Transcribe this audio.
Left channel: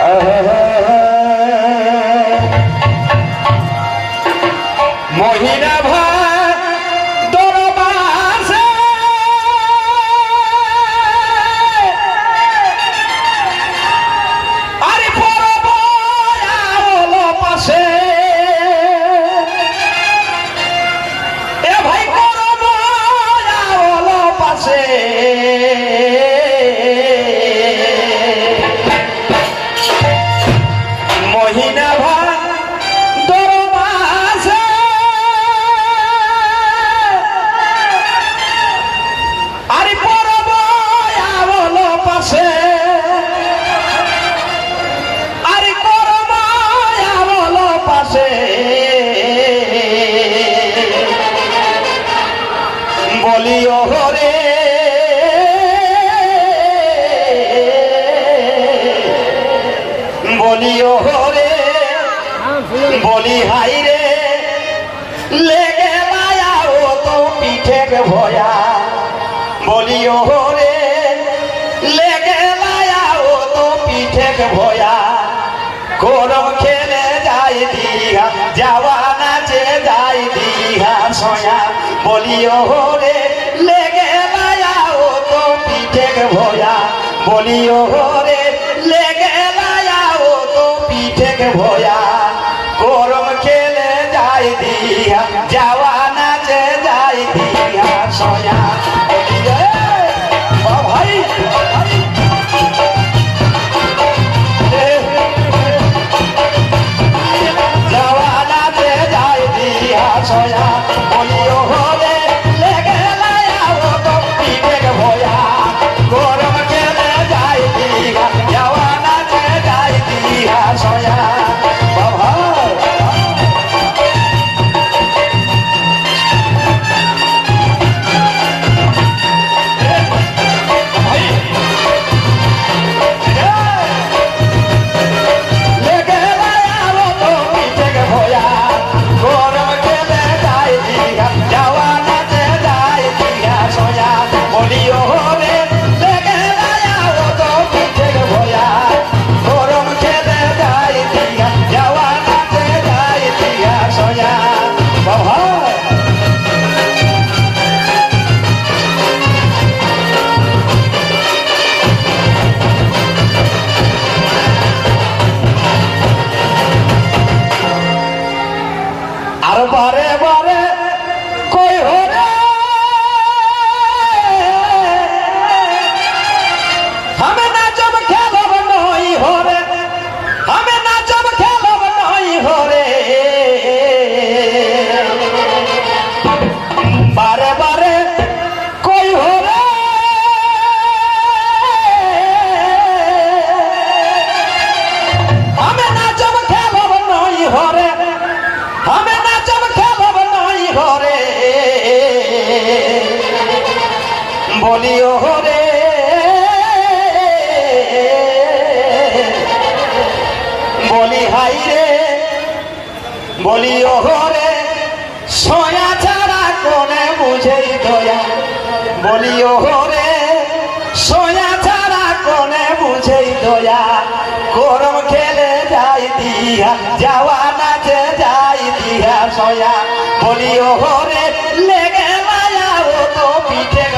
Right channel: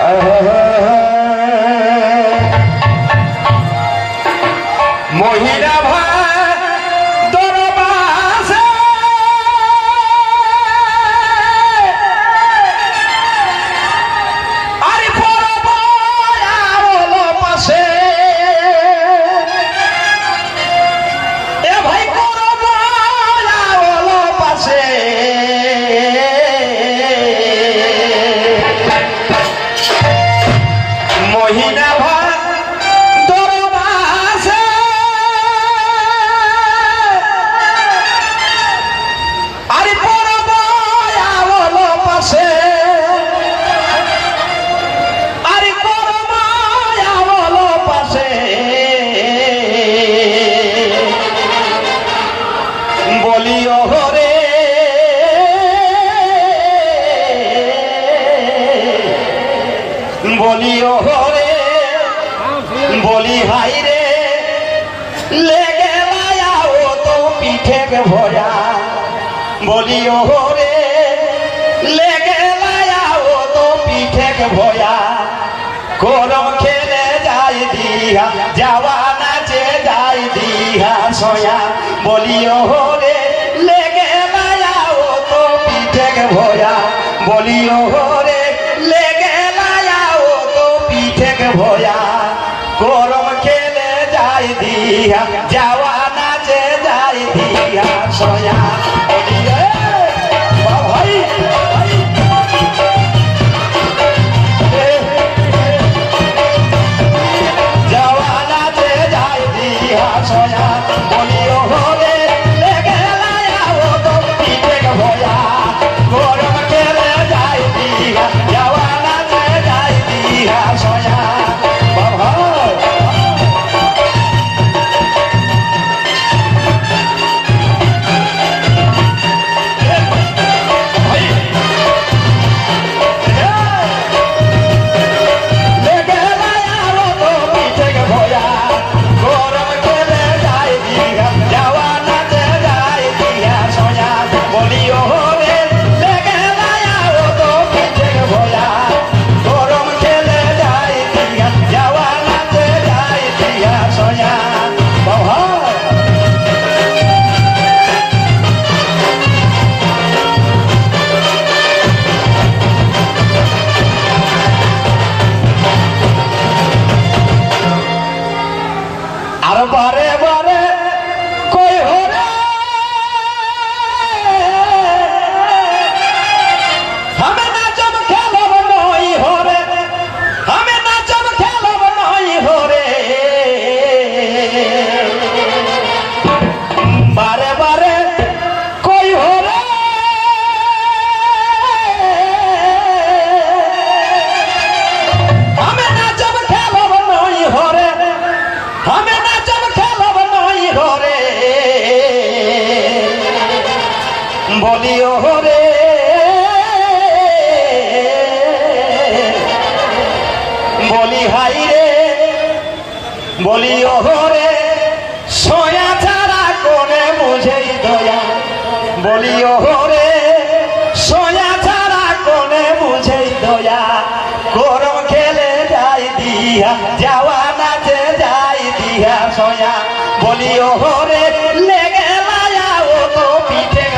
Oh, oh, oh. আরলো পাশে। বলিও রে বলি, হাই রে, লেগে ও তো পিঠে ভয়া। বলিও রে, লেগে ও তো পিঠে ভয়া। করম খেলে যাই দিহা যাওয়া নাচে যাই দিহা সয়া। বলিও রে, লেগে ও তো পিঠে ভয়া। বলিও রে, লেগে ও তো পিঠে ভয়া। যাই দিহা যাওয়া নাচে যাই দিয়া সয়া। বলিও হরে বলিও রে, বলি হাই রে, বলিও রে, সয়া ছাড়া করে বুঝেই দয়া। বলিও হরে নবী ওহরে লেগে লায়া ও তো পিঠে